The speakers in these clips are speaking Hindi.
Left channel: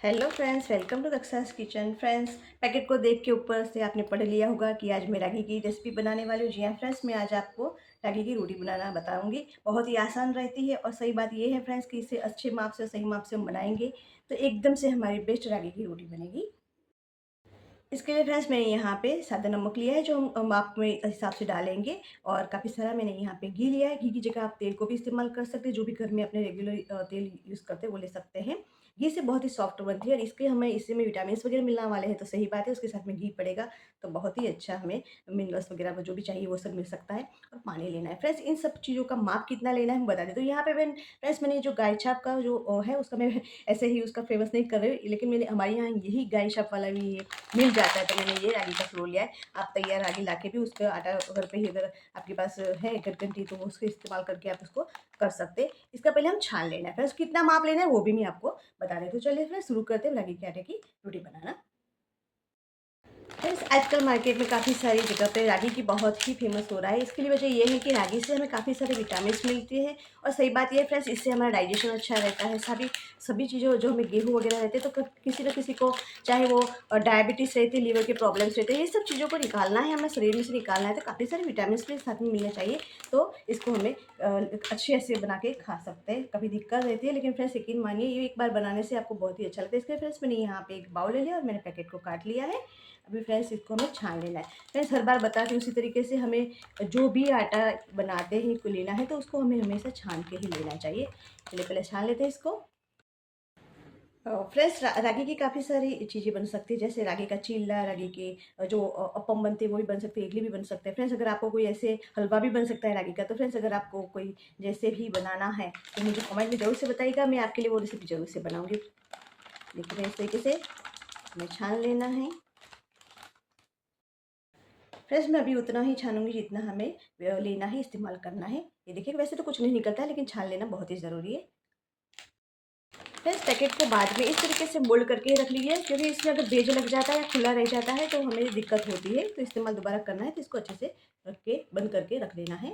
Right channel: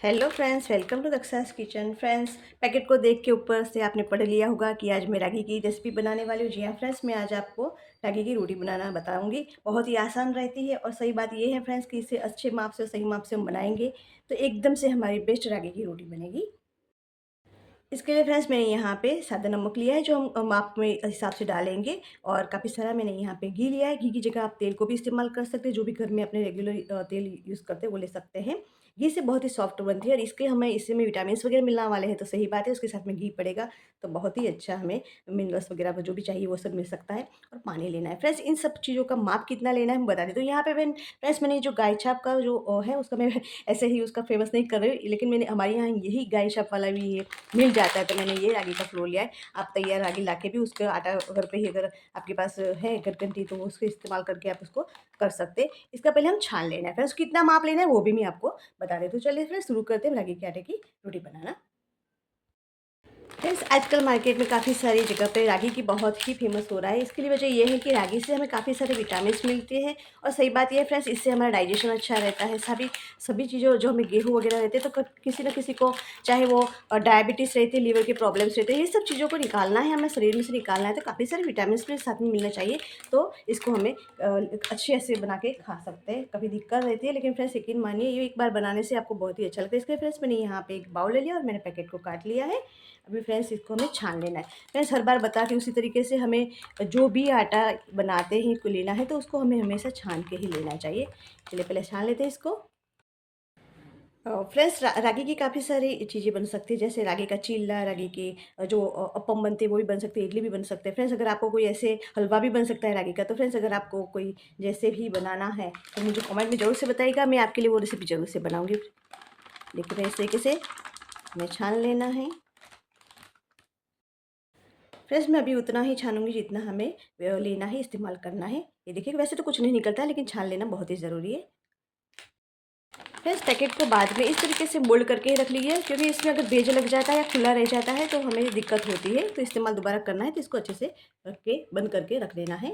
Hello friends, welcome to Daksha's kitchen. Friends, packet को देख के ऊपर से आपने पढ़ लिया होगा कि आज मैं रागी की रेसिपी बनाने वाली हूँ। जी हाँ फ्रेंड्स, मैं आज आपको रागी की रोटी बनाना बताऊंगी। बहुत ही आसान रहती है और सही बात ये है फ्रेंड्स कि इसे अच्छे माप से, सही माप से हम बनाएंगे तो एकदम से हमारी बेस्ट रागी की रोटी बनेगी। इसके लिए फ्रेंड्स मैंने यहाँ पे सादा नमक लिया है जो हम माप में हिसाब से डालेंगे। और काफ़ी सारा मैंने यहाँ पे घी लिया है। घी की जगह आप तेल को भी इस्तेमाल कर सकते हैं, जो भी घर में अपने रेगुलर तेल यूज़ करते हैं वो ले सकते हैं। घी से बहुत ही सॉफ्ट बनती है और इसके हमें इससे में विटामिन वगैरह मिलने वाले हैं तो सही बात है। उसके साथ में घी पड़ेगा तो बहुत ही अच्छा हमें मिनरल्स वगैरह जो भी चाहिए वो सब मिल सकता है। और पानी लेना है फ्रेंड्स, इन सब चीज़ों का माप कितना लेना है हम बता दें। तो यहाँ पे फ्रेंड्स मैंने जो गाय छाप का जो है उसका मैं ऐसे ही उसका फेमस नहीं कर रही, लेकिन मैंने हमारे यहाँ यही गाय छाप वाला भी ये मिल जाता है तो मैंने ये रागी का फ्लोर लिया है। आप तैयार रागी लाके भी उसका आटा घर पे ही अगर आपके पास है गठगंठी तो उसको इस्तेमाल करके आप उसको कर सकते हैं। इसका पहले हम छान लेना है, फिर उसको कितना माप लेना है वो भी मैं आपको बता देती हूँ। चलिए फिर शुरू करते हैं रागी के आटे की रोटी बनाना। फ्रेंड्स, आजकल मार्केट में काफ़ी सारी जगह पे रागी की बहुत ही फेमस हो रहा है। इसके लिए वजह ये है कि रागी से हमें काफ़ी सारे विटामिन्स मिलते हैं और सही बात ये है फ्रेंड्स, इससे हमारा डाइजेशन अच्छा रहता है। सभी सभी चीज़ों जो हमें गेहूँ वगैरह रहते हैं तो किसी न किसी को, चाहे वो डायबिटीज़ रहती है, लीवर के प्रॉब्लम्स रहते हैं, ये सब चीज़ों को निकालना है, हमें शरीर में से निकालना है तो काफ़ी सारे विटामिन भी साथ में मिलना चाहिए। तो इसको हमें अच्छे से बना के खा सकते हैं। कभी दिक्कत रहती है लेकिन फ्रेंड्स यकीन मानिए ये एक बार बनाने से आपको बहुत ही अच्छा लगता है। इसके फ्रेंड्स मैंने यहाँ पे एक बाउल ले लिया और मैंने पैकेट को काट लिया है। अभी फ्रेंड्स इसको हमें छान लेना है। फ्रेंड्स हर बार बताती हूँ उसी तरीके से हमें जो भी आटा बनाते हैं को लेना है तो उसको हमें हमेशा छान के ही लेना चाहिए। चलिए पहले छान लेते हैं इसको। फ्रेंड्स रागी की काफ़ी सारी चीज़ें बन सकती है, जैसे रागी का चीला, रागी के जो अप्पम बनते हैं वो भी बन सकते हैं, इडली भी बन सकते हैं। फ्रेंड्स अगर आपको कोई ऐसे हलवा भी बन सकता है रागी का, तो फ्रेंड्स अगर आपको कोई जैसे भी बनाना है तो मुझे कमेंट में ज़रूर से बताइएगा, मैं आपके लिए वो रेसिपी ज़रूर से बनाऊँगी। देखिए इस तरीके से हमें छान लेना है। फ्रेंड्स मैं अभी उतना ही छानूँगी जितना हमें लेना है, इस्तेमाल करना है। ये देखिए वैसे तो कुछ नहीं निकलता है लेकिन छान लेना बहुत ही ज़रूरी है। फ्रेंड्स पैकेट को बाद में इस तरीके से मोल्ड करके रख लीजिए, क्योंकि इसमें अगर बेज लग जाता है या खुला रह जाता है तो हमें दिक्कत होती है। तो इस्तेमाल दोबारा करना है तो इसको अच्छे से रख के बंद करके रख देना है।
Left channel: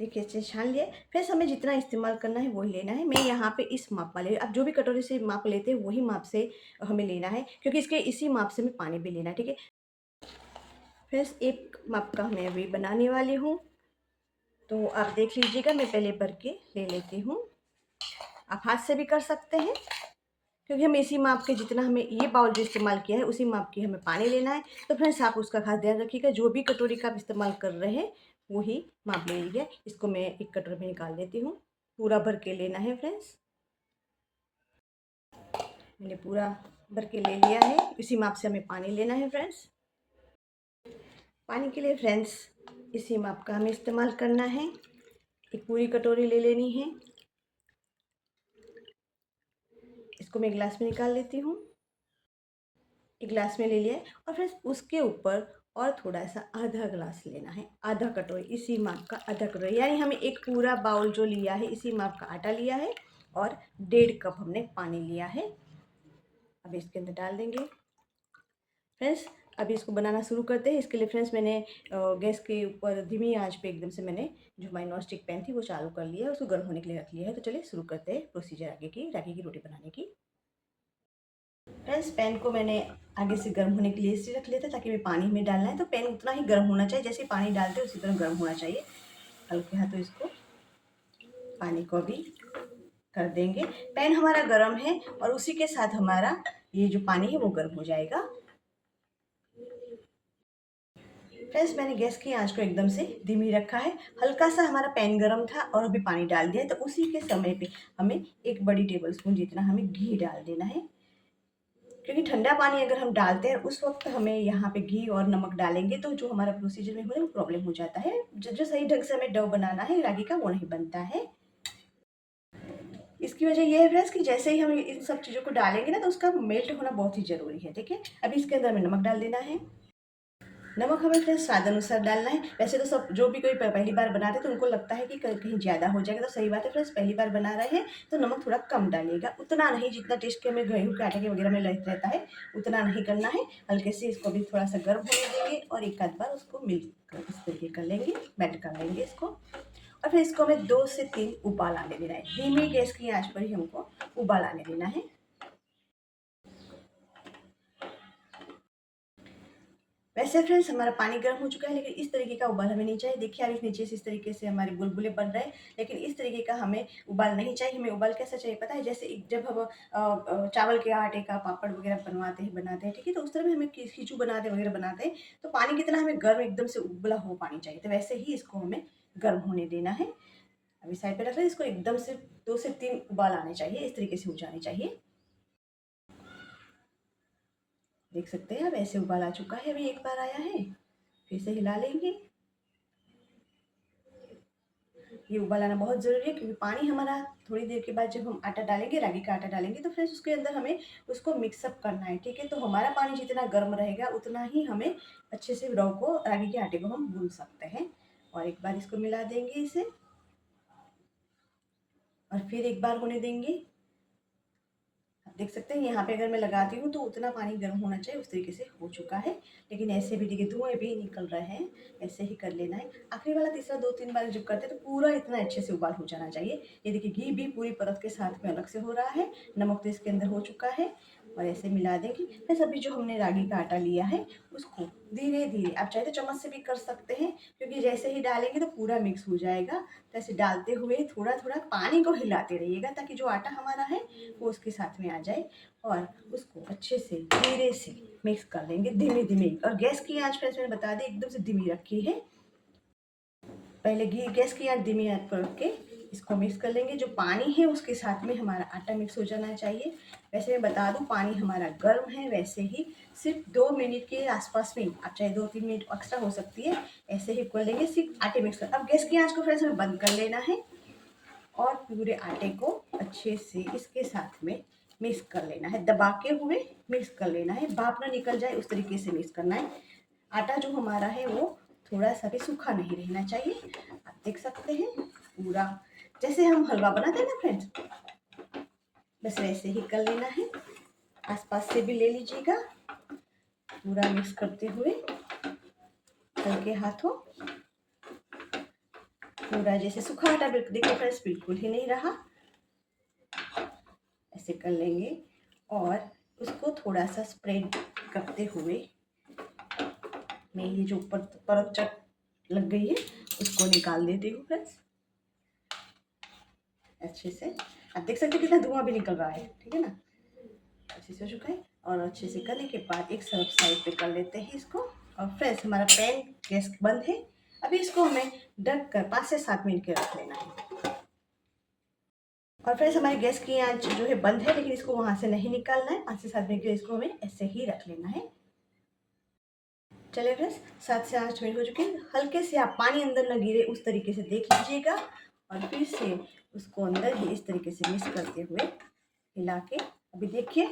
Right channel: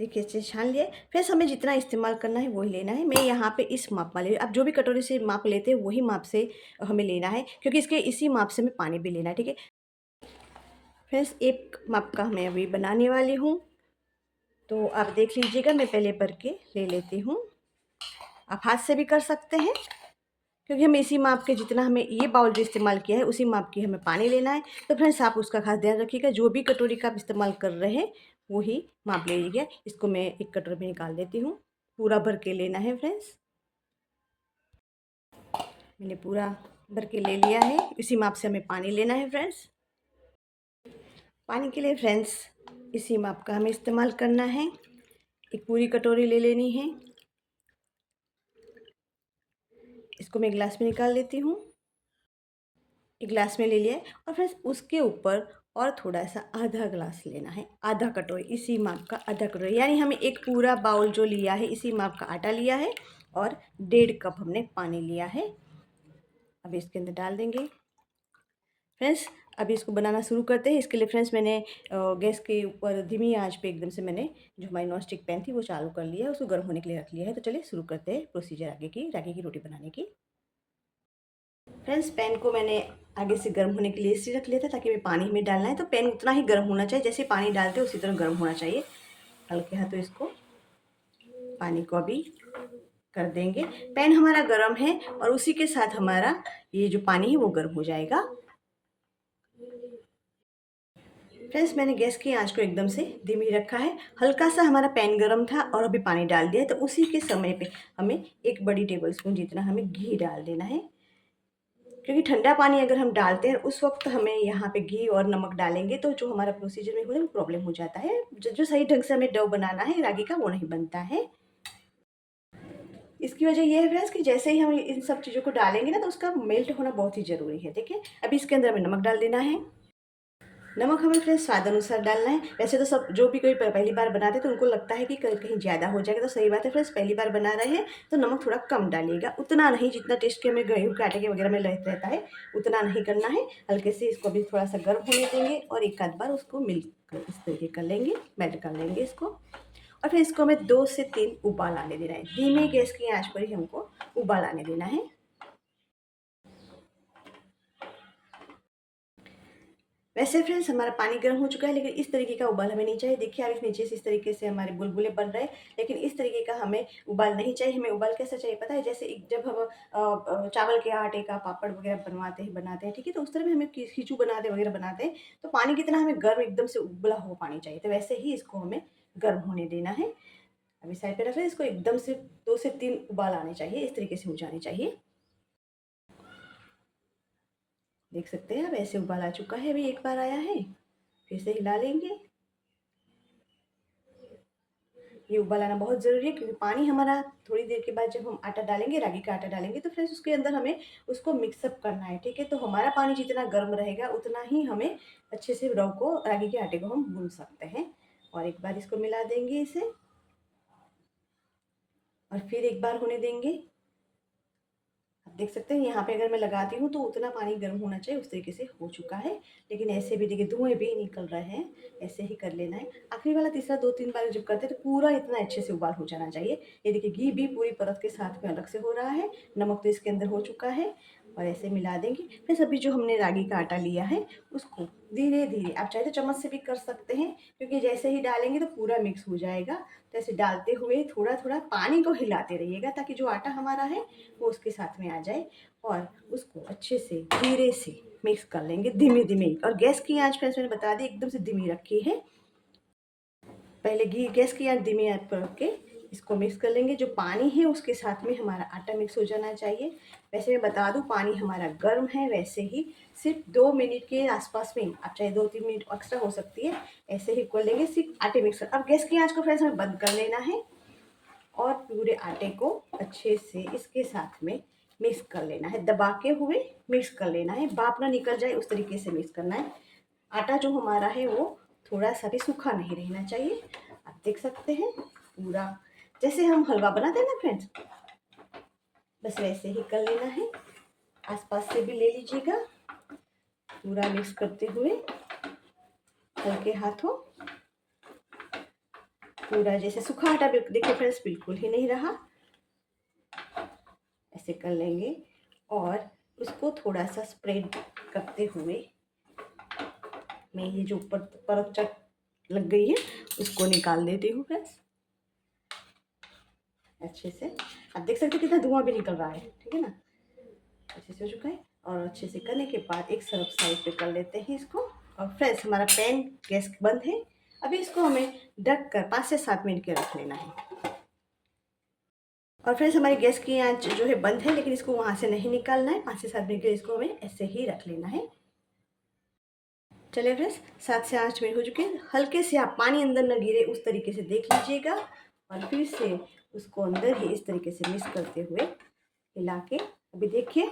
देखिए अच्छे से छान लिया। फ्रेंड्स हमें जितना इस्तेमाल करना है वही लेना है। मैं यहाँ पे इस माप वाले, आप जो भी कटोरी से माप लेते हैं वही माप से हमें लेना है, क्योंकि इसके इसी माप से हमें पानी भी लेना है। ठीक है फ्रेंड्स, एक माप का मैं अभी बनाने वाली हूँ तो आप देख लीजिएगा। मैं पहले भर के ले लेती हूँ। आप हाथ से भी कर सकते हैं, क्योंकि हम इसी माप के, जितना हमें ये बाउल जो इस्तेमाल किया है उसी माप की हमें पानी लेना है। तो फ्रेंड्स आप उसका खास ध्यान रखिएगा, जो भी कटोरी का आप इस्तेमाल कर रहे हैं वही माप ले लीजिए। इसको मैं एक कटोरी में निकाल देती हूँ। पूरा भर के लेना है फ्रेंड्स। मैंने पूरा भर के ले लिया है, इसी माप से हमें पानी लेना है फ्रेंड्स। पानी के लिए फ्रेंड्स इसी माप का हमें इस्तेमाल करना है। एक पूरी कटोरी ले लेनी है। इसको मैं गिलास में निकाल लेती हूँ। एक गिलास में ले लिया है और फिर उसके ऊपर और थोड़ा सा आधा गिलास लेना है, आधा कटोरी, इसी माप का आधा कटोरी, यानी हमें एक पूरा बाउल जो लिया है इसी माप का आटा लिया है और 1.5 कप हमने पानी लिया है। अब इसके अंदर डाल देंगे फ्रेंड्स। अभी इसको बनाना शुरू करते हैं। इसके लिए फ्रेंड्स मैंने गैस के ऊपर धीमी आंच पे एकदम से मैंने जो हमारी नॉन स्टिक पैन थी वो चालू कर लिया है, उसको गर्म होने के लिए रख लिया है। तो चलिए शुरू करते हैं प्रोसीजर आगे की रागी की रोटी बनाने की। फ्रेंड्स पैन को मैंने आगे से गर्म होने के लिए इसलिए रख लिया था ताकि मैं पानी में डालना है तो पैन उतना ही गर्म होना चाहिए, जैसे पानी डालते हैं उसी तरह गर्म होना चाहिए। हल्के हाथों इसको पानी को अभी कर देंगे। पैन हमारा गर्म है और उसी के साथ हमारा ये जो पानी है वो गर्म हो जाएगा। फ्रेंड्स मैंने गैस की आंच को एकदम से धीमी रखा है। हल्का सा हमारा पैन गर्म था और अभी पानी डाल दिया है, तो उसी के समय पे हमें 1 बड़ी टेबल स्पून जितना हमें घी डाल देना है। क्योंकि ठंडा पानी अगर हम डालते हैं उस वक्त हमें यहाँ पे घी और नमक डालेंगे तो जो हमारा प्रोसीजर में वो प्रॉब्लम हो जाता है। जो सही ढंग से हमें डो बनाना है रागी का वो नहीं बनता है। इसकी वजह ये है फ्रेंड्स कि जैसे ही हम इन सब चीज़ों को डालेंगे ना तो उसका मेल्ट होना बहुत ही ज़रूरी है। देखिए अभी इसके अंदर हमें नमक डाल देना है। नमक हमें फ्रेंड्स स्वाद अनुसार डालना है। वैसे तो सब जो भी कोई पहली बार बनाते हैं तो उनको लगता है कि कहीं ज़्यादा हो जाएगा, तो सही बात है फ्रेंड्स, पहली बार बना रहे हैं तो नमक थोड़ा कम डालिएगा, उतना नहीं जितना टेस्ट के हमें गेहूँ के आटे के वगैरह में रहता है उतना नहीं करना है। हल्के से इसको भी थोड़ा सा गर्म होने देंगे और एक आध बार उसको मिल कर इस तरीके कर लेंगे, मेल्ट कर लेंगे इसको। और फिर इसको हमें 2 से 3 उबाल आने देना है। धीमे गैस की आँच पर ही हमको उबाल आने देना है। वैसे फ्रेंड्स हमारा पानी गर्म हो चुका है, लेकिन इस तरीके का उबाल हमें नहीं चाहिए। देखिए आप इस नीचे से इस तरीके से हमारे बुलबुले बन रहे हैं, लेकिन इस तरीके का हमें उबाल नहीं चाहिए। हमें उबाल कैसा चाहिए पता है? जैसे जब हम चावल के आटे का पापड़ वगैरह बनाते हैं, ठीक है? तो उस तरह में हमें खिचू बनाते हैं, तो पानी कितना हमें गर्म एकदम से उबला हुआ पानी चाहिए। तो वैसे ही इसको हमें गर्म होने देना है। अभी साइड पे रख लें। इसको एकदम से 2 से 3 उबाल आने चाहिए, इस तरीके से हो जाने चाहिए। देख सकते हैं, अब ऐसे उबाल आ चुका है। अभी एक बार आया है, फिर से हिला लेंगे। ये उबाल आना बहुत ज़रूरी है, क्योंकि पानी हमारा थोड़ी देर के बाद जब हम आटा डालेंगे, रागी का आटा डालेंगे, तो फ्रेंड्स उसके अंदर हमें उसको मिक्सअप करना है, ठीक है? तो हमारा पानी जितना गर्म रहेगा उतना ही हमें अच्छे से रव को, रागी के आटे को हम गूंद सकते हैं। और एक बार इसको मिला देंगे इसे, और फिर एक बार होने देंगे। आप देख सकते हैं यहाँ पे अगर मैं लगाती हूँ तो उतना पानी गर्म होना चाहिए, उस तरीके से हो चुका है। लेकिन ऐसे भी देखिए धुएँ भी निकल रहे हैं, ऐसे ही कर लेना है। आखिरी वाला तीसरा 2-3 बार जब करते हैं तो पूरा इतना अच्छे से उबाल हो जाना चाहिए। ये देखिए घी भी पूरी परत के साथ में अलग से हो रहा है, नमक तो इसके अंदर हो चुका है। और ऐसे मिला देंगे। फिर अभी जो हमने रागी का आटा लिया है उसको धीरे-धीरे, आप चाहे तो चम्मच से भी कर सकते हैं, क्योंकि जैसे ही डालेंगे तो पूरा मिक्स हो जाएगा। तो ऐसे डालते हुए थोड़ा-थोड़ा पानी को हिलाते रहिएगा, ताकि जो आटा हमारा है वो उसके साथ में आ जाए। और उसको अच्छे से धीरे से मिक्स कर लेंगे, धीमे-धीमे। और गैस की आँच फ्रेंड्स मैंने बता दी एकदम से धीमी रखी है। पहले घी गैस की आँच धीमी आँच पर रख के इसको मिक्स कर लेंगे। जो पानी है उसके साथ में हमारा आटा मिक्स हो जाना चाहिए। वैसे मैं बता दूँ पानी हमारा गर्म है, वैसे ही सिर्फ 2 मिनट के आसपास में, आप चाहे 2-3 मिनट एक्स्ट्रा हो सकती है, ऐसे ही कर लेंगे सिर्फ आटे मिक्स कर। अब गैस की आँच को फ्रेंड्स हमें बंद कर लेना है, और पूरे आटे को अच्छे से इसके साथ में मिक्स कर लेना है, दबा के हुए मिक्स कर लेना है, भाप ना निकल जाए उस तरीके से मिक्स करना है। आटा जो हमारा है वो थोड़ा सा भी सूखा नहीं रहना चाहिए। आप देख सकते हैं पूरा जैसे हम हलवा बनाते हैं ना फ्रेंड्स, बस वैसे ही कर लेना है। आसपास से भी ले लीजिएगा, पूरा मिक्स करते हुए हल्के हाथों। पूरा जैसे सूखा आटा देखिए फ्रेंड्स बिल्कुल ही नहीं रहा, ऐसे कर लेंगे। और उसको थोड़ा सा स्प्रेड करते हुए मैं ये जो ऊपर परत चट लग गई है उसको निकाल देती हूँ फ्रेंड्स अच्छे से। आप देख सकते हैं कितना धुआं भी निकल रहा है, ठीक है ना? अच्छे से हो चुका है। और अच्छे से करने के बाद एक सर्व साइड पे कर लेते हैं इसको। और फ्रेंड्स हमारा पैन गैस बंद है। अभी इसको हमें ढक कर 5 से 7 मिनट के रख लेना है। और फ्रेंड्स हमारी गैस की आंच जो है बंद है, लेकिन इसको वहाँ से नहीं निकालना है। 5 से 7 मिनट के लिए इसको हमें ऐसे ही रख लेना है। चलिए फ्रेंड्स 7 से 8 मिनट हो चुके हैं। हल्के से आप पानी अंदर न गिरे उस तरीके से देख लीजिएगा, और फिर से उसको अंदर ही इस तरीके से मिक्स करते हुए हिला के, अभी देखिए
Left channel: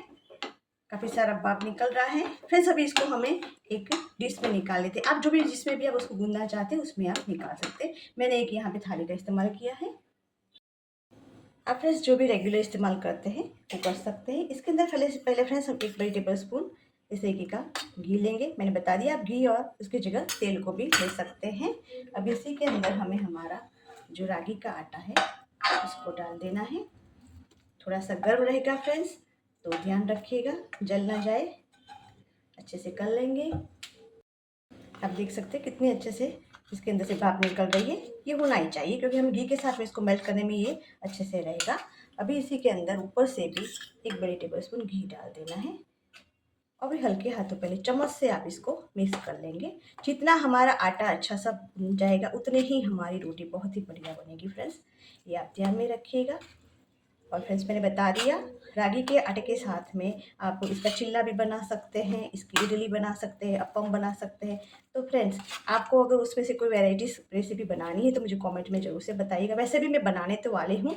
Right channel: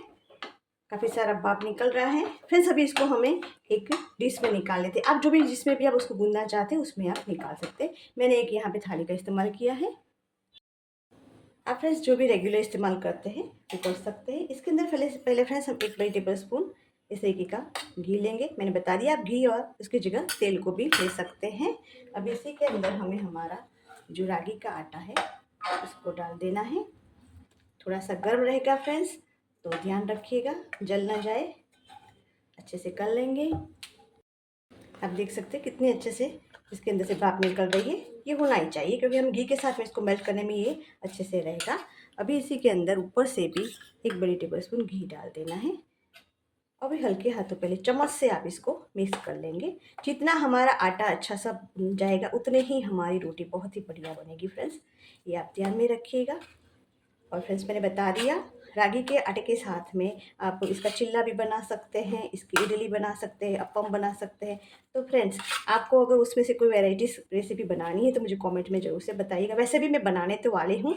काफ़ी सारा भाप निकल रहा है। फ्रेंड्स अभी इसको हमें एक डिश में निकाल लेते हैं। आप जो भी जिसमें भी आप उसको गूंदना चाहते हैं उसमें आप निकाल सकते हैं। मैंने एक यहाँ पे थाली का इस्तेमाल किया है। आप फ्रेंड्स जो भी रेगुलर इस्तेमाल करते हैं वो कर सकते हैं। इसके अंदर पहले फ्रेंड्स हम 1 बड़े टेबल स्पून इस तरीके का घी लेंगे। मैंने बता दिया आप घी और उसकी जगह तेल को भी ले सकते हैं। अब इसी के अंदर हमें हमारा जो रागी का आटा है उसको डाल देना है। थोड़ा सा गर्म रहेगा फ्रेंड्स, तो ध्यान रखिएगा जल ना जाए। अच्छे से कर लेंगे। आप देख सकते हैं कितने अच्छे से इसके अंदर से भाप निकल रही है। ये होना ही चाहिए, क्योंकि हम घी के साथ में इसको मेल्ट करने में ये अच्छे से रहेगा। अभी इसी के अंदर ऊपर से भी 1 बड़ी टेबल स्पून घी डाल देना है। और भी हल्के हाथों पहले चम्मच से आप इसको मिक्स कर लेंगे। जितना हमारा आटा अच्छा सा भून जाएगा उतने ही हमारी रोटी बहुत ही बढ़िया बनेगी फ्रेंड्स, ये आप ध्यान में रखिएगा। और फ्रेंड्स मैंने बता दिया रागी के आटे के साथ में आप इसका चिल्ला भी बना सकते हैं, इसकी इडली बना सकते हैं, अप्पम बना सकते हैं। तो फ्रेंड्स आपको अगर उसमें से कोई वैराइटीज़ रेसिपी बनानी है तो मुझे कमेंट में ज़रूर से बताइएगा। वैसे भी मैं बनाने तो वाली हूँ,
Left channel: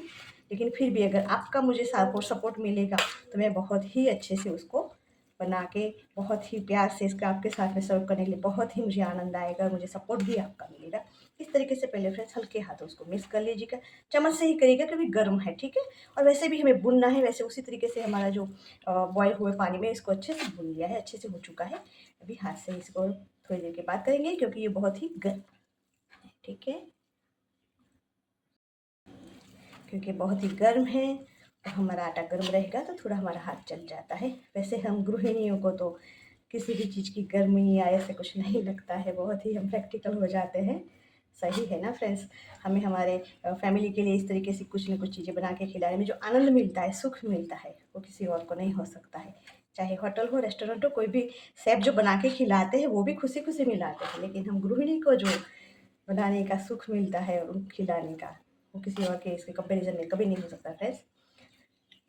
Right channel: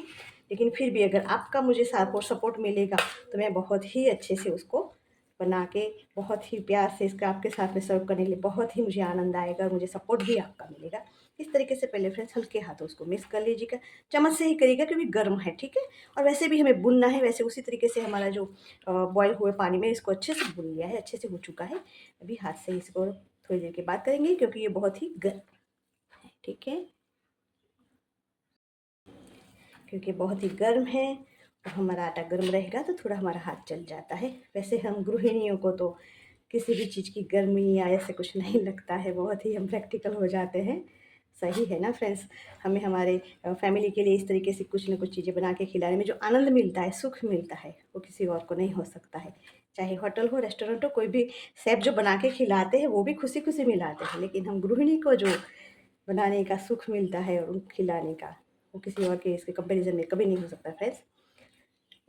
लेकिन फिर भी अगर आपका मुझे सपोर्ट मिलेगा तो मैं बहुत ही अच्छे से उसको बना के बहुत ही प्यार से इसका आपके साथ में सर्व करने के लिए बहुत ही मुझे आनंद आएगा, और मुझे सपोर्ट भी आपका मिलेगा। इस तरीके से पहले फ्रेंड्स हल्के हाथों उसको मिक्स कर लीजिएगा। चम्मच से ही करिएगा क्योंकि गर्म है, ठीक है? और वैसे भी हमें भुनना है, वैसे उसी तरीके से हमारा जो बॉयल हुए पानी में इसको अच्छे से भून लिया है, अच्छे से हो चुका है। अभी हाथ से इसको थोड़ी देर के बाद करेंगे, क्योंकि ये बहुत ही गर्म है, ठीक है? क्योंकि बहुत ही गर्म है और हमारा आटा गर्म रहेगा तो थोड़ा हमारा हाथ जल जाता है। वैसे हम गृहिणियों को तो किसी भी चीज़ की गर्मी या ऐसे कुछ नहीं लगता है, बहुत ही हम प्रैक्टिकल हो जाते हैं। सही है ना फ्रेंड्स? हमें हमारे फैमिली के लिए इस तरीके से कुछ न कुछ चीज़ें बना के खिलाने में जो आनंद मिलता है, सुख मिलता है, वो किसी और को नहीं हो सकता है। चाहे होटल हो, रेस्टोरेंट हो, कोई भी शेफ़ जो बना के खिलाते हैं, वो भी खुशी-खुशी मिलाते हैं, लेकिन हम गृहिणी को जो बनाने का सुख मिलता है और खिलाने का, वो किसी और के इसके कंपैरिज़न में कभी नहीं हो सकता फ्रेंड्स।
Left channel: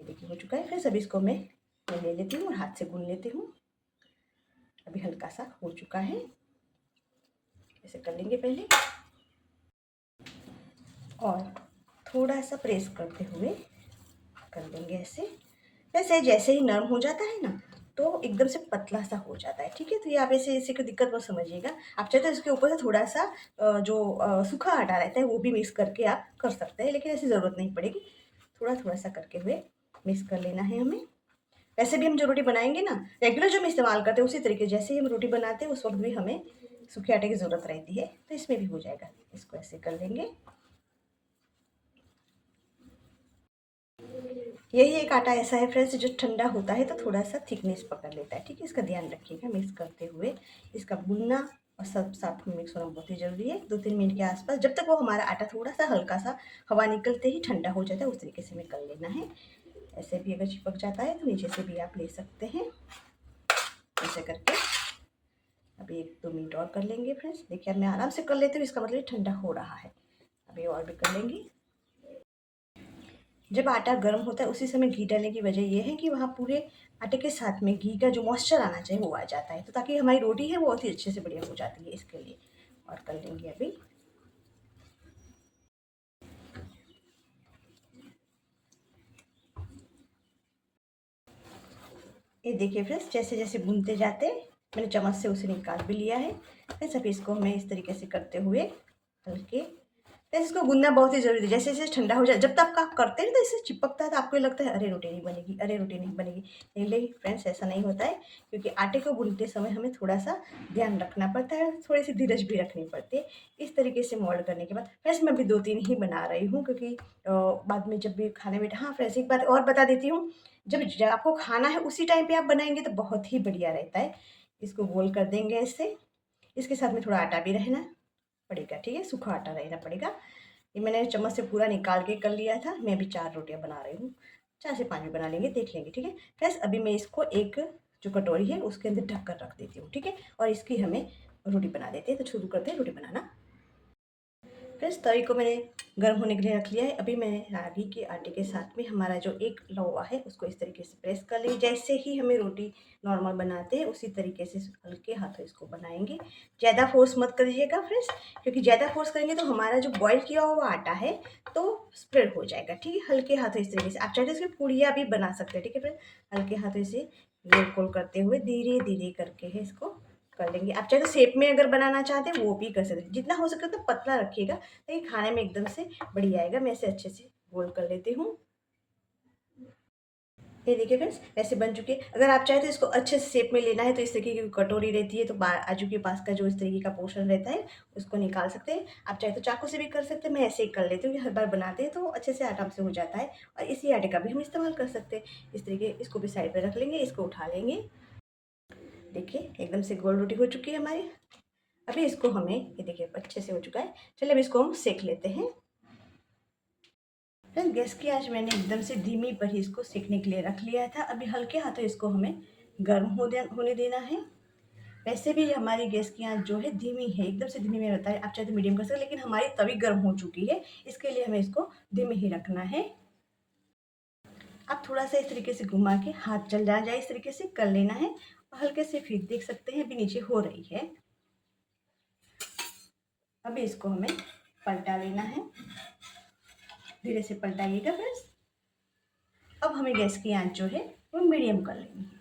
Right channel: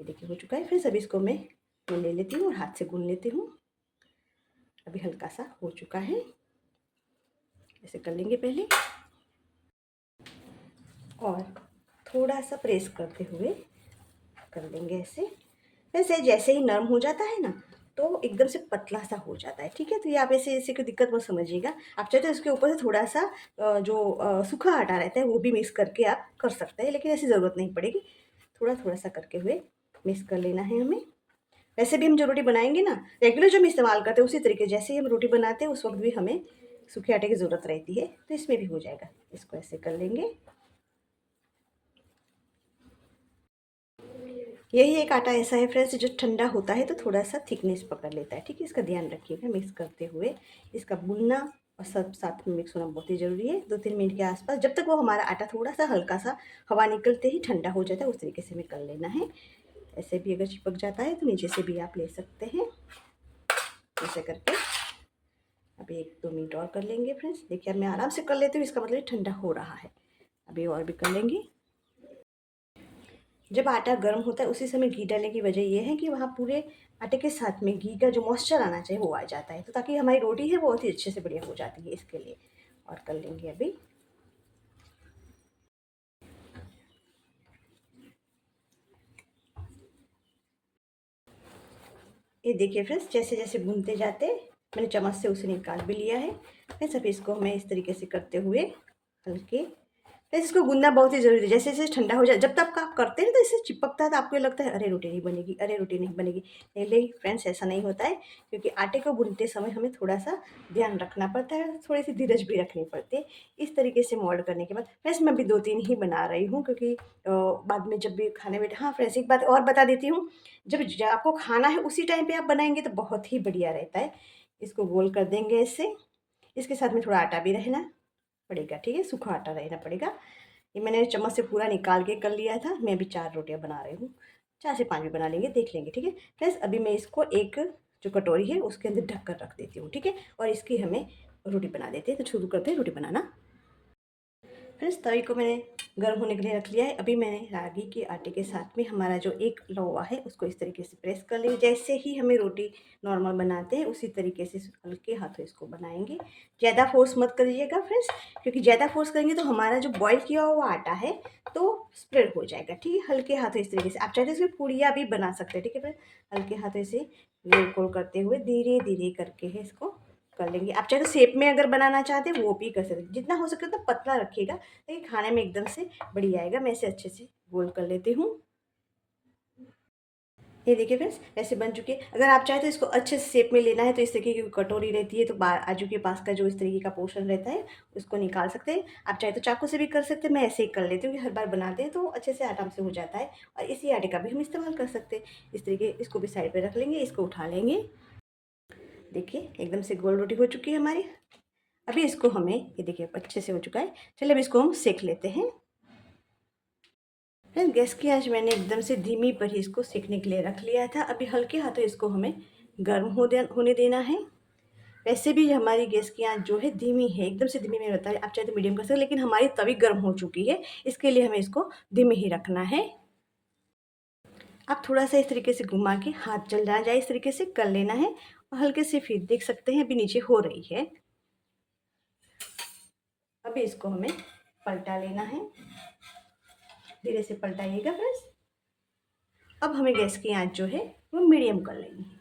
ये देखिए हो चुका है फ्रेंड्स। अभी इसको मैं ले लेती हूँ और हाथ से गूँध लेती हूँ। अभी हल्का सा हो चुका है, ऐसे कर लेंगे पहले और थोड़ा सा प्रेस करते हुए कर लेंगे ऐसे। वैसे जैसे ही नरम हो जाता है ना, तो एकदम से पतला सा हो जाता है, ठीक है? तो ये आप ऐसे ऐसे कोई दिक्कत मत समझिएगा। आप चाहे तो इसके ऊपर से थोड़ा सा जो सूखा आटा रहता है वो भी मिक्स करके आप कर सकते हैं, लेकिन ऐसी ज़रूरत नहीं पड़ेगी। थोड़ा थोड़ा सा करके हुए मिक्स कर लेना है हमें। वैसे भी हम जो रोटी बनाएंगे ना, रेगुलर जो हम इस्तेमाल करते हैं उसी तरीके, जैसे ही हम रोटी बनाते हैं उस वक्त भी हमें सूखे आटे की ज़रूरत रहती है, तो इसमें भी हो जाएगा। इसको ऐसे कर लेंगे। यही एक आटा ऐसा है फ्रेंड्स जो ठंडा होता है तो थोड़ा सा थिकनेस पकड़ लेता है, ठीक है? इसका ध्यान रखिएगा मिक्स करते हुए। इसका भुनना और सब साथ में मिक्स होना बहुत ही ज़रूरी है। 2-3 मिनट के आसपास, जब तक वो हमारा आटा थोड़ा सा हल्का सा हवा निकलते ही ठंडा हो जाता है, उस तरीके से हमें कर लेना है। ऐसे भी अगर चिपक जाता है तो नीचे से भी आप ले सकते हैं, ऐसे करके। अभी 1-2 मिनट और कर लेंगे फ्रेंड्स। देखिए अब मैं आराम से कर लेती हूँ, इसका मतलब ठंडा हो रहा है। अभी और भी कर लेंगे। जब आटा गर्म होता है उसी समय घी डालने की वजह ये है कि वहाँ पूरे आटे के साथ में घी का जो मॉइस्चर आना चाहिए वो आ जाता है, तो ताकि हमारी रोटी है वो बहुत ही अच्छे से बढ़िया हो जाती है, इसके लिए। और कर लेंगे अभी। ये देखिए फ्रेंड्स, जैसे जैसे भूनते जाते मैंने चम्मच से उसे निकाल भी लिया है। फिर सभी इसको हमें इस तरीके से करते हुए हल्के, तो इसको गूंदना बहुत ही ज़रूरी है। जैसे जैसे ठंडा हो जाए, जब तक आप करते हैं तो इससे चिपकता है, तो आपको लगता है अरे रोटी नहीं बनेगी, अरे रोटी नहीं बनेगी। नहीं फ्रेंड्स, ऐसा नहीं होता है, क्योंकि आटे को गूंदते समय हमें थोड़ा सा ध्यान रखना पड़ता है, थोड़ी सी धीरज भी रखनी पड़ती है। इस तरीके से मोल्ड करने के बाद फ्रेंड्स मैं अभी 2-3 ही बना रही हूँ, क्योंकि बाद में जब भी खाने में, हाँ फ्रेंड्स एक बात और बता देती हूँ, जब आपको खाना है उसी टाइम पे आप बनाएंगे तो बहुत ही बढ़िया रहता है। इसको गोल कर देंगे ऐसे। इसके साथ में थोड़ा आटा भी रहना पड़ेगा, ठीक है? सूखा आटा रहना पड़ेगा। ये मैंने चम्मच से पूरा निकाल के कर लिया था। मैं अभी 4 रोटियाँ बना रही हूँ। 4 से 5 भी बना लेंगे, देख लेंगे, ठीक है? फ्रेंड्स अभी मैं इसको एक जो कटोरी है उसके अंदर ढक कर रख देती हूँ, ठीक है? और इसकी हमें रोटी बना देते हैं, तो शुरू करते हैं रोटी बनाना। फ्रेंड्स तवे को मैंने गर्म होने के लिए रख लिया है। अभी मैंने रागी के आटे के साथ में हमारा जो एक लौवा है उसको इस तरीके से प्रेस कर लेंगे। जैसे ही हमें रोटी नॉर्मल बनाते हैं उसी तरीके से हल्के हाथों इसको बनाएंगे। ज़्यादा फोर्स मत करिएगा फ्रेंड्स, क्योंकि ज़्यादा फोर्स करेंगे तो हमारा जो बॉईल किया हुआ आटा है तो स्प्रेड हो जाएगा, ठीक है? हल्के हाथों इस तरीके से आप चाहे तो इसमें पूड़ियाँ भी बना सकते हैं, ठीक है फ्रेंड्स? हल्के हाथों से गोल गोल करते हुए धीरे धीरे करके है इसको कर लेंगे। आप चाहे तो शेप में अगर बनाना चाहते हैं वो भी कर सकते हैं। जितना हो सके तो पतला रखिएगा, ताकि खाने में एकदम से बढ़िया आएगा। मैं इसे अच्छे से गोल कर लेती हूँ। ये देखिए फ्रेंड्स ऐसे बन चुके हैं। अगर आप चाहें तो इसको अच्छे से शेप में लेना है तो इस तरीके की कटोरी रहती है, तो आजू के पास का जो इस तरीके का पोर्शन रहता है उसको निकाल सकते हैं। आप चाहे तो चाकू से भी कर सकते हैं, मैं ऐसे ही कर लेती हूँ कि हर बार बनाते हैं तो अच्छे से आराम से हो जाता है। और इसी आटे का भी हम इस्तेमाल कर सकते हैं। इस तरीके इसको भी साइड पर रख लेंगे, इसको उठा लेंगे। देखिए एकदम से गोल रोटी हो चुकी है हमारी। अभी इसको हमें, ये देखिए अच्छे से हो चुका है। चलिए अब इसको हम सेक लेते हैं। फिर गैस की आंच मैंने एकदम से धीमी पर ही इसको सेकने के लिए रख लिया था। अभी हल्के हाथों इसको हमें गर्म होने देना है। वैसे भी हमारी गैस की आंच जो है धीमी है, एकदम से धीमी में रहता है। आप चाहे तो मीडियम कर सकते हैं, लेकिन हमारी तवी गर्म हो चुकी है, इसके लिए हमें इसको धीमे ही रखना है। आप थोड़ा सा इस तरीके से घुमा के हाथ जल ना जाए इस तरीके से कर लेना है। और हल्के से फिर देख सकते हैं अभी नीचे हो रही है। अभी इसको हमें पलटा लेना है, धीरे से पलटाइएगा बस। अब हमें गैस की आंच जो है वो मीडियम कर लेनी है।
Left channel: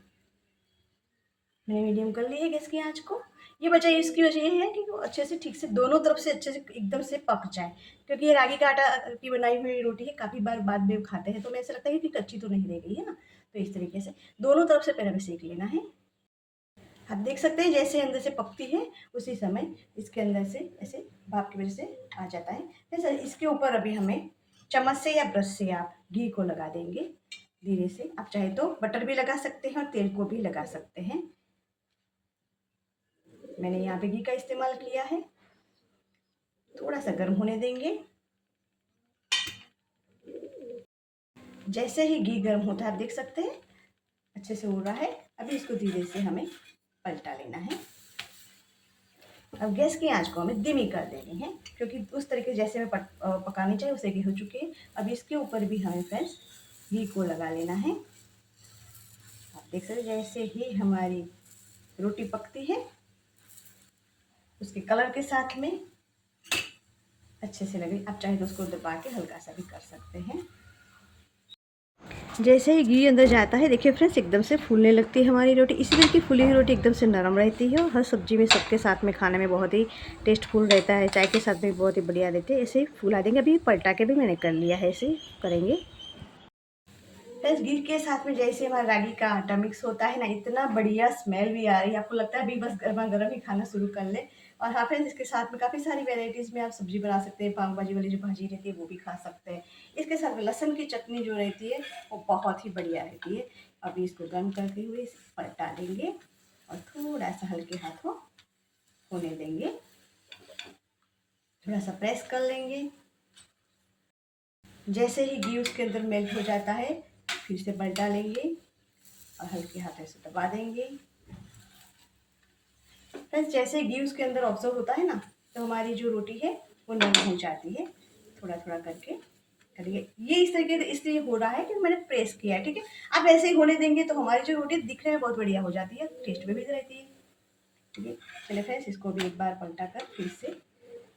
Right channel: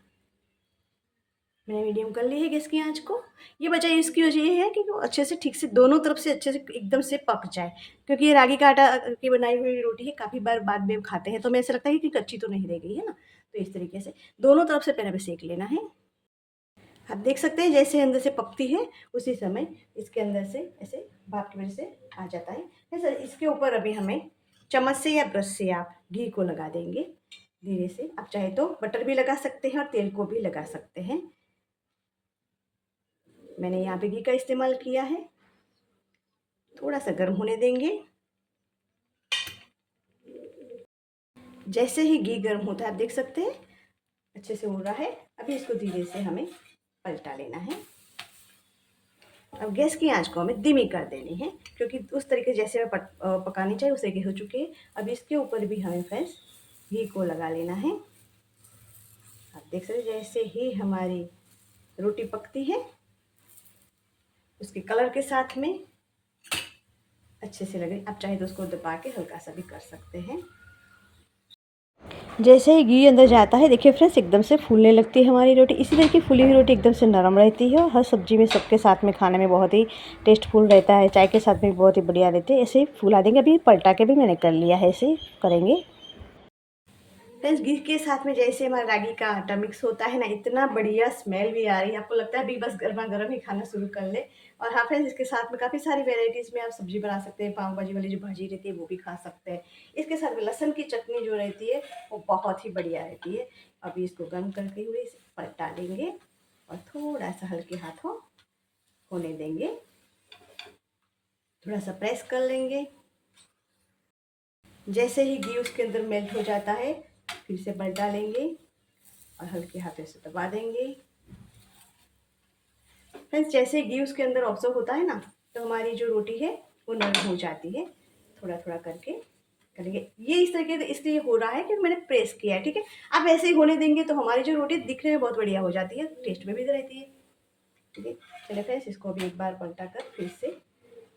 मैंने मीडियम कर ली है गैस की आंच को। ये वजह, इसकी वजह ये है कि वो अच्छे से ठीक से दोनों तरफ से अच्छे से एकदम से पक जाए, क्योंकि ये रागी का आटा की बनाई हुई रोटी है, काफ़ी बार बाद में खाते हैं तो हमें ऐसा लगता है कि कच्ची तो नहीं रह गई है ना। तो इस तरीके से दोनों तरफ से पहले हमें सेक लेना है। आप देख सकते हैं जैसे अंदर से पकती है उसी समय इसके अंदर से ऐसे भाप की वजह से आ जाता है। फिर इसके ऊपर अभी हमें चम्मच से या ब्रश से आप घी को लगा देंगे धीरे से। आप चाहे तो बटर भी लगा सकते हैं और तेल को भी लगा सकते हैं। मैंने यहाँ पे घी का इस्तेमाल किया है। थोड़ा सा गर्म होने देंगे। जैसे ही घी गर्म होता है आप देख सकते हैं अच्छे से हो रहा है। अभी इसको धीरे से हमें पलटा लेना है। अब गैस की आंच को हमें धीमी कर देनी है, क्योंकि उस तरीके जैसे मैं पकानी चाहिए उस तरीके हो चुके हैं। अब इसके ऊपर भी हमें फ्रेंड्स घी को लगा लेना है। आप देख सकते हैं जैसे ही हमारी रोटी पकती है उसके कलर के साथ में अच्छे से लगे। आप चाहे तो उसको दबा के हल्का सा भी कर सकते हैं। जैसे ही घी अंदर जाता है देखिए फ्रेंड्स एकदम से फूलने लगती है हमारी रोटी। इसी तरह की फूली हुई रोटी एकदम से नरम रहती है और हर सब्जी में सबके साथ में खाने में बहुत ही टेस्टफुल रहता है। चाय के साथ में बहुत ही बढ़िया रहती है। ऐसे ही फुला देंगे। अभी पलटा के भी मैंने कर लिया है, ऐसे ही करेंगे। फ्रेंड्स घी के साथ में जैसे हमारा रागी का आटा मिक्स होता है ना, इतना बढ़िया स्मेल भी आ रही है। आपको लगता है अभी बस गर्मा गर्म ही खाना शुरू कर ले। और हाँ फ्रेंड्स इसके साथ में काफ़ी सारी वेराइटीज़ में आप सब्जी बना सकते हैं। पाव भाजी वाली जो भाजी रहती है वो भी खा सकते हैं। इसके साथ में लहसुन की चटनी जो रहती है वो बहुत ही बढ़िया रहती है। अभी इसको गर्म करते हुए इसे पलटा देंगे और थोड़ा सा हल्के हाथों होने देंगे। थोड़ा सा प्रेस कर लेंगे। जैसे ही घी उसके अंदर मेल्ट हो जाता है फिर से पलटा लेंगे और हल्के हाथों से दबा देंगे। फ्रेंड्स जैसे घी उसके अंदर ऑब्जर्व होता है ना तो हमारी जो रोटी है वो नरम हो जाती है। थोड़ा थोड़ा करके करेंगे। ये इस तरीके से इसलिए हो रहा है कि मैंने प्रेस किया है, ठीक है। आप ऐसे ही होने देंगे तो हमारी जो रोटी दिखने में बहुत बढ़िया हो जाती है, टेस्ट में भी रहती है, ठीक है। चलिए फ्रेंड्स इसको भी एक बार पलटा कर फिर से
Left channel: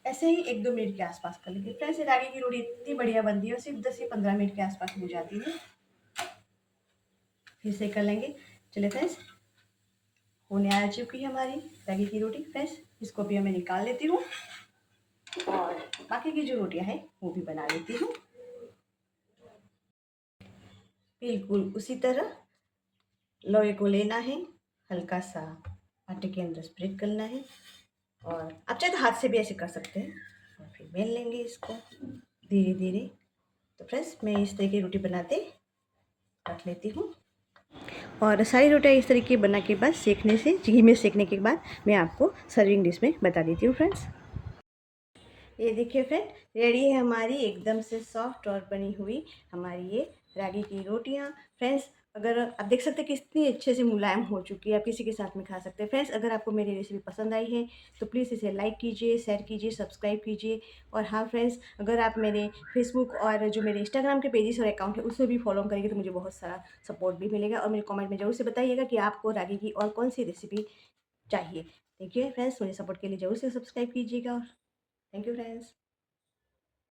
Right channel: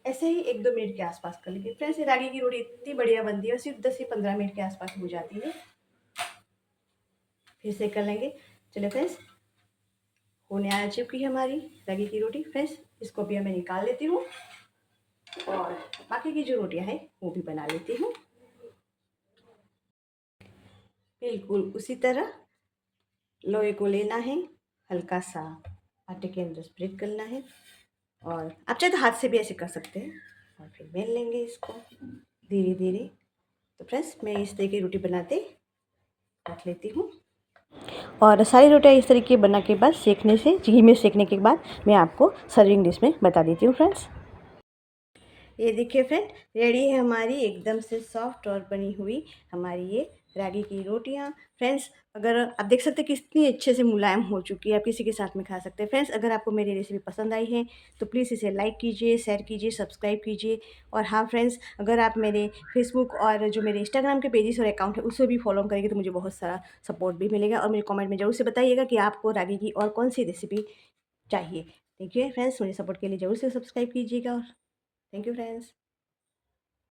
ऐसे ही 1-2 मिनट के आसपास कर लेंगे। फ्रेंड्स रागी की रोटी इतनी बढ़िया बनती है और सिर्फ 10 से 15 मिनट के आसपास हो जाती है। फिर से कर लेंगे। चलिए फ्रेंड्स होने आ चुकी है हमारी रागी की रोटी। फ्रेंड्स इसको भी मैं निकाल लेती हूँ और बाकी की जो रोटियां हैं वो भी बना लेती हूँ। बिल्कुल उसी तरह लोई को लेना है, हल्का सा आटे के अंदर स्प्रेड करना है और आप चाहे तो हाथ से भी ऐसे कर सकते हैं और फिर बेल लेंगे इसको धीरे धीरे। तो फ्रेंड्स मैं इस तरह की रोटी बनाते रख लेती हूँ और सारी रोटियां इस तरीके बना के बाद सेकने से घी में सेकने के बाद मैं आपको सर्विंग डिश में बता देती हूँ फ्रेंड्स। ये देखिए फ्रेंड रेडी है हमारी एकदम से सॉफ्ट और बनी हुई हमारी ये रागी की रोटियां। फ्रेंड्स अगर आप देख सकते हैं कि कितनी अच्छे से मुलायम हो चुकी है, आप किसी के साथ में खा सकते हैं। फ्रेंड्स अगर आपको मेरी रेसिपी पसंद आई है तो प्लीज़ इसे लाइक कीजिए, शेयर कीजिए, सब्सक्राइब कीजिए। और हाँ फ्रेंड्स अगर आप मेरे फेसबुक और जो मेरे इंस्टाग्राम के पेजेस और अकाउंट है उसे भी फॉलो करेंगे तो मुझे बहुत सारा सपोर्ट भी मिलेगा। और मेरे कॉमेंट में ज़रूर से बताइएगा कि आपको रागी की और कौन सी रेसिपी चाहिए। थैंक यू फ्रेंड्स, मुझे सपोर्ट के लिए ज़रूर से सब्सक्राइब कीजिएगा। Thank you friends.